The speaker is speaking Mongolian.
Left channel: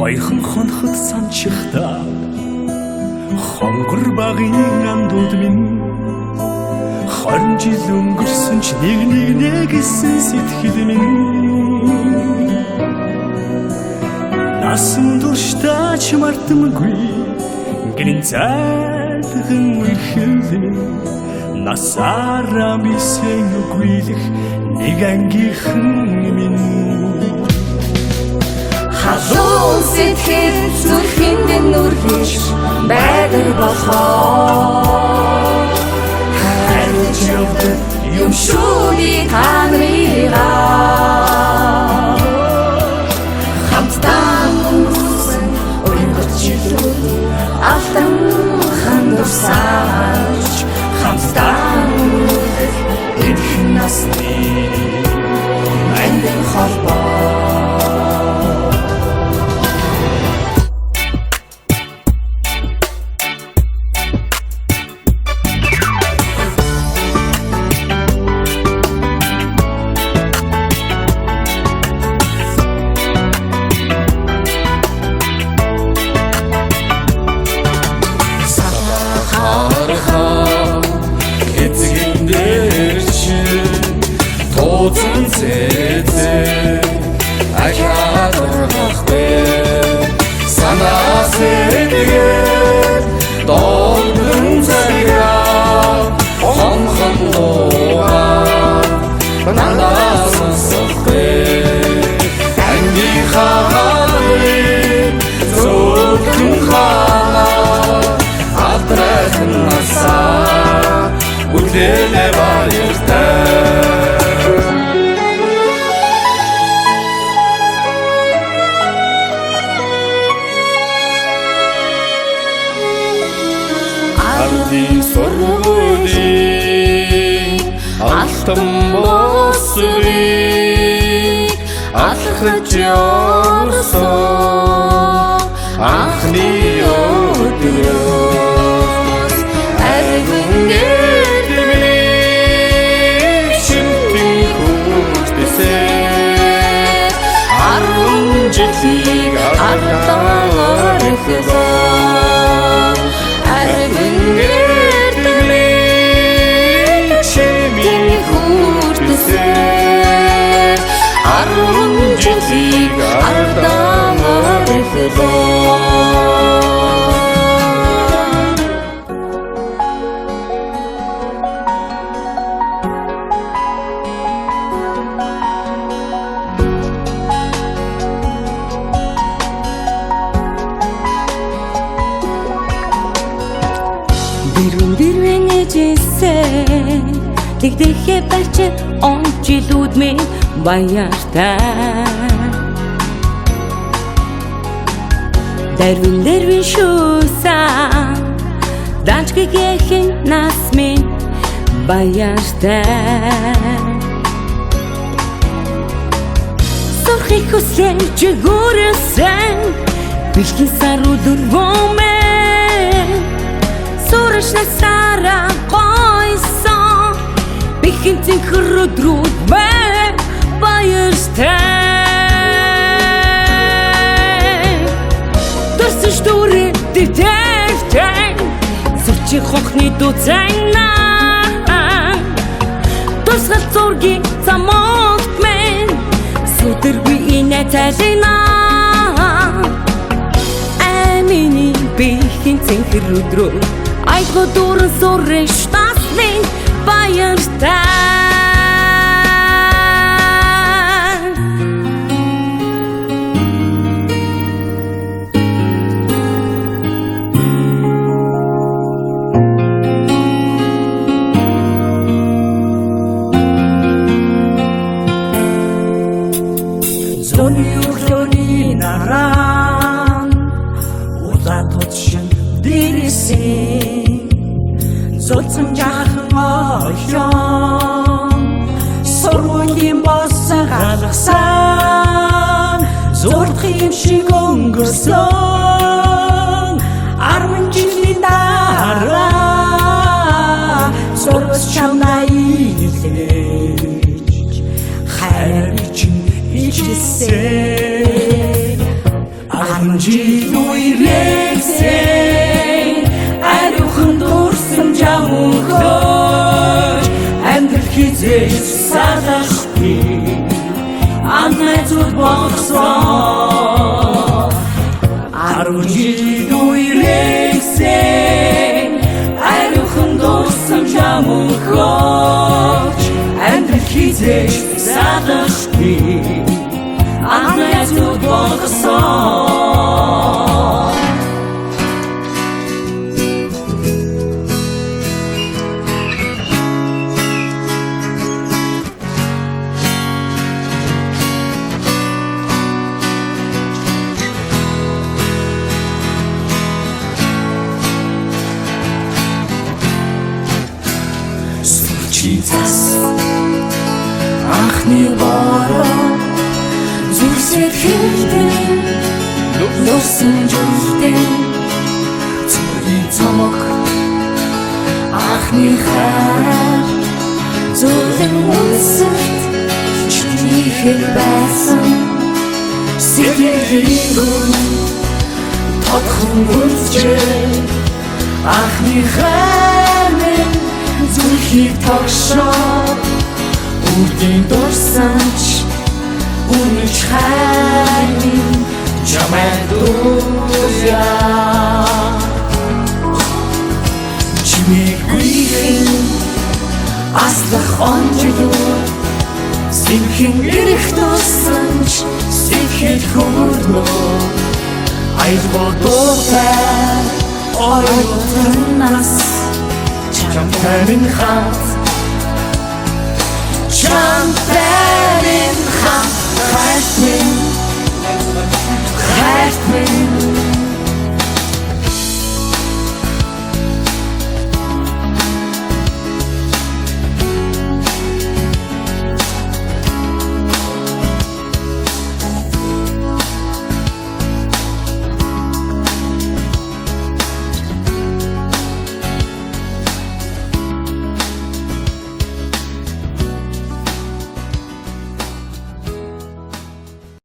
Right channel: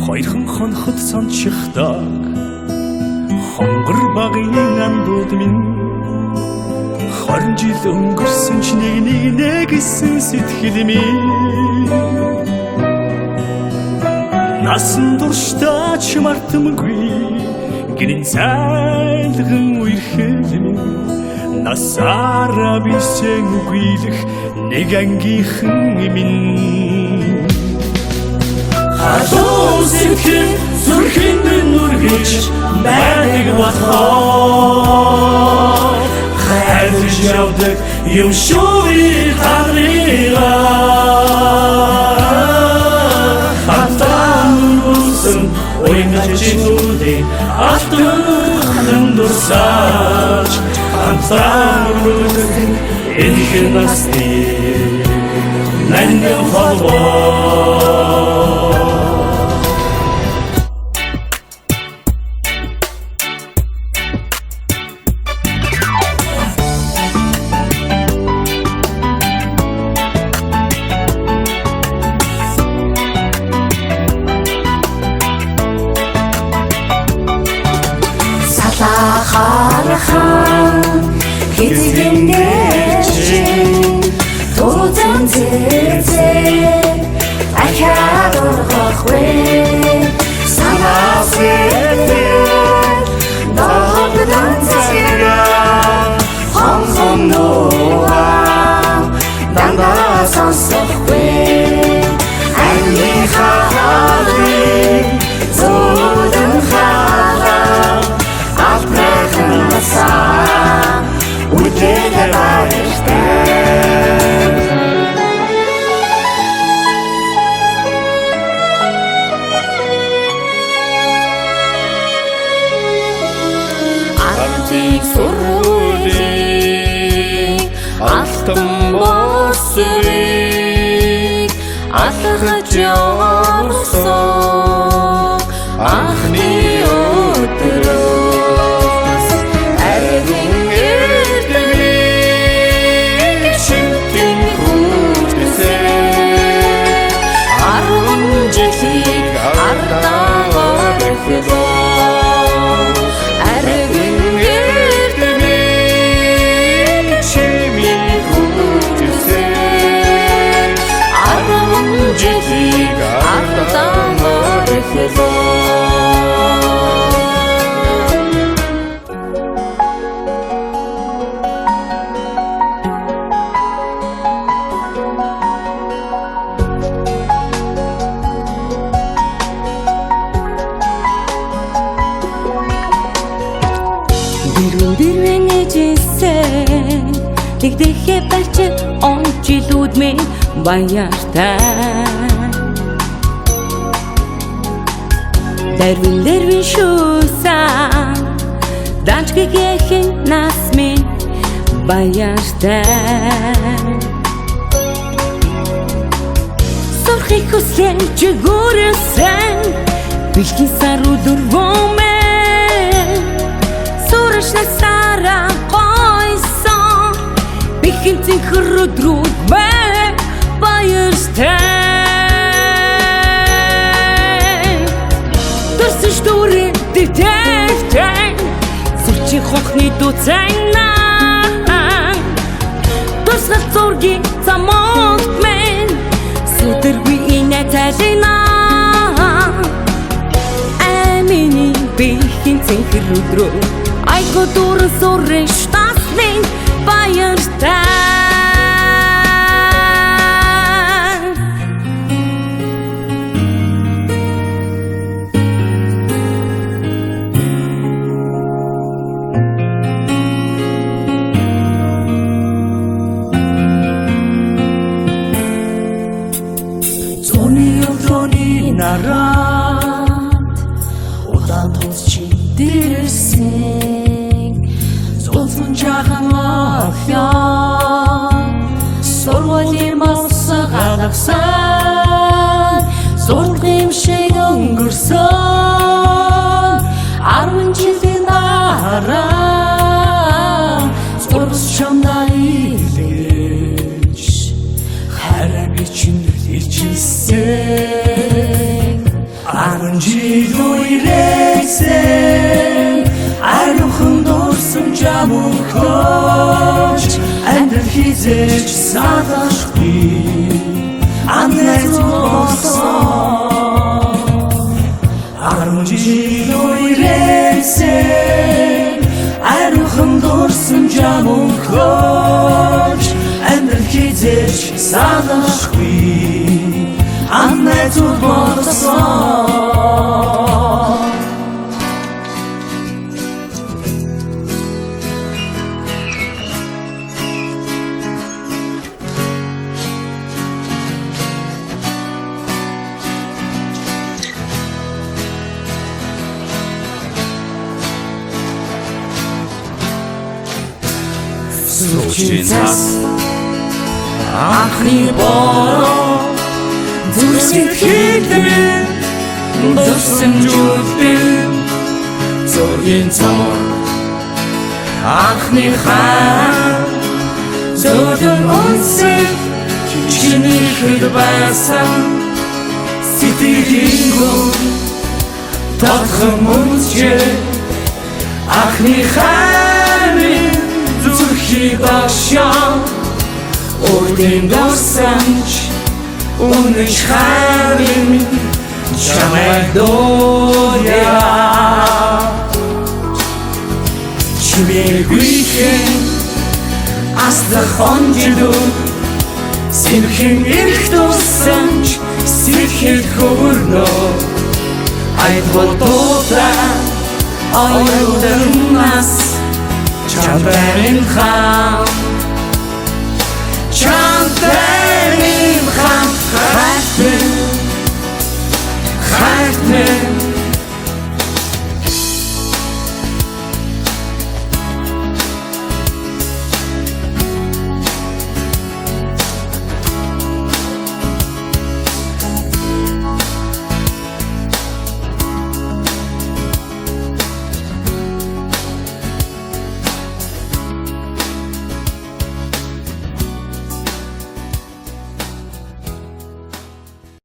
Хоёрхан хорхот сончихдаг хонгор багын ангууд минь 20 жил өнгөрсөн ч нэг гэсэн сэтгэл минь насан туршдаач мартамгүй гэрийн зайлган үерхэд минь насаараа бисэг үгүйлэх нэг ангийнхан минь Хажуу сэтгэл зүрхэн минь нүргэж байдаг болохоор хайрлаж явдаг юм шүүрий хараараа хатан нүсэн оймчилүүди автан нүсаж хатан нүсэн энхэн насны нандин холбоо Сургуулийн алтан босрыг алхаж явсан анхны өдрөөс ариун эдмийг шимтэн хүртэсэн 10 жилийг ардаа орхидоо Дэрвэн ээжээсээ тэгдэхээ барьч он жилүүд минь баяртай Дэрвэн шүүсэн данчгийн нас минь баяртай Сурхийг хүслэн чигүүрсэн бэлгийн сар өдөрвөмэн Сураш насаараа гойсон бихэн цэнхэр өдрүүд мэ баяртай Төрсөн штүрэн дэвтэртэй Сурчи хонхны дууцайнаа Тусгал зургийн замогт мэн Сүдэргүй инэ тайлинаа Амины бихэн цэнхэр өдрөө Айго дуран сурын штаслын баяртай Зоны өглөөний наранд улаан тутшин дэрсэн Зодсон чахан орхион жил үерээсээ ариухан дурсан жамуугч амьдрал хизээж садахгүй амнайцуд болсон 10 жил үерээсээ ариухан дурсан жамуугч амьдрал хизээж садахгүй амнайцуд болсон Случится ахны боро зүрсэт хэлбэрэн дурсан жүлбэн зөгийн цог ахны хаа зөгийн үнсэт чиний хэл байсан сэтгэлгүй татхан үнсчээ ахны хаа Дошоо үрдэн дурсанч үнэж харин чамайг дууя чимээгүй аслах онжлуу сэрхэн ирэх дурсанч сэрхэн хүрнөө аян болдоогра ойлдон нас Чамайг хаа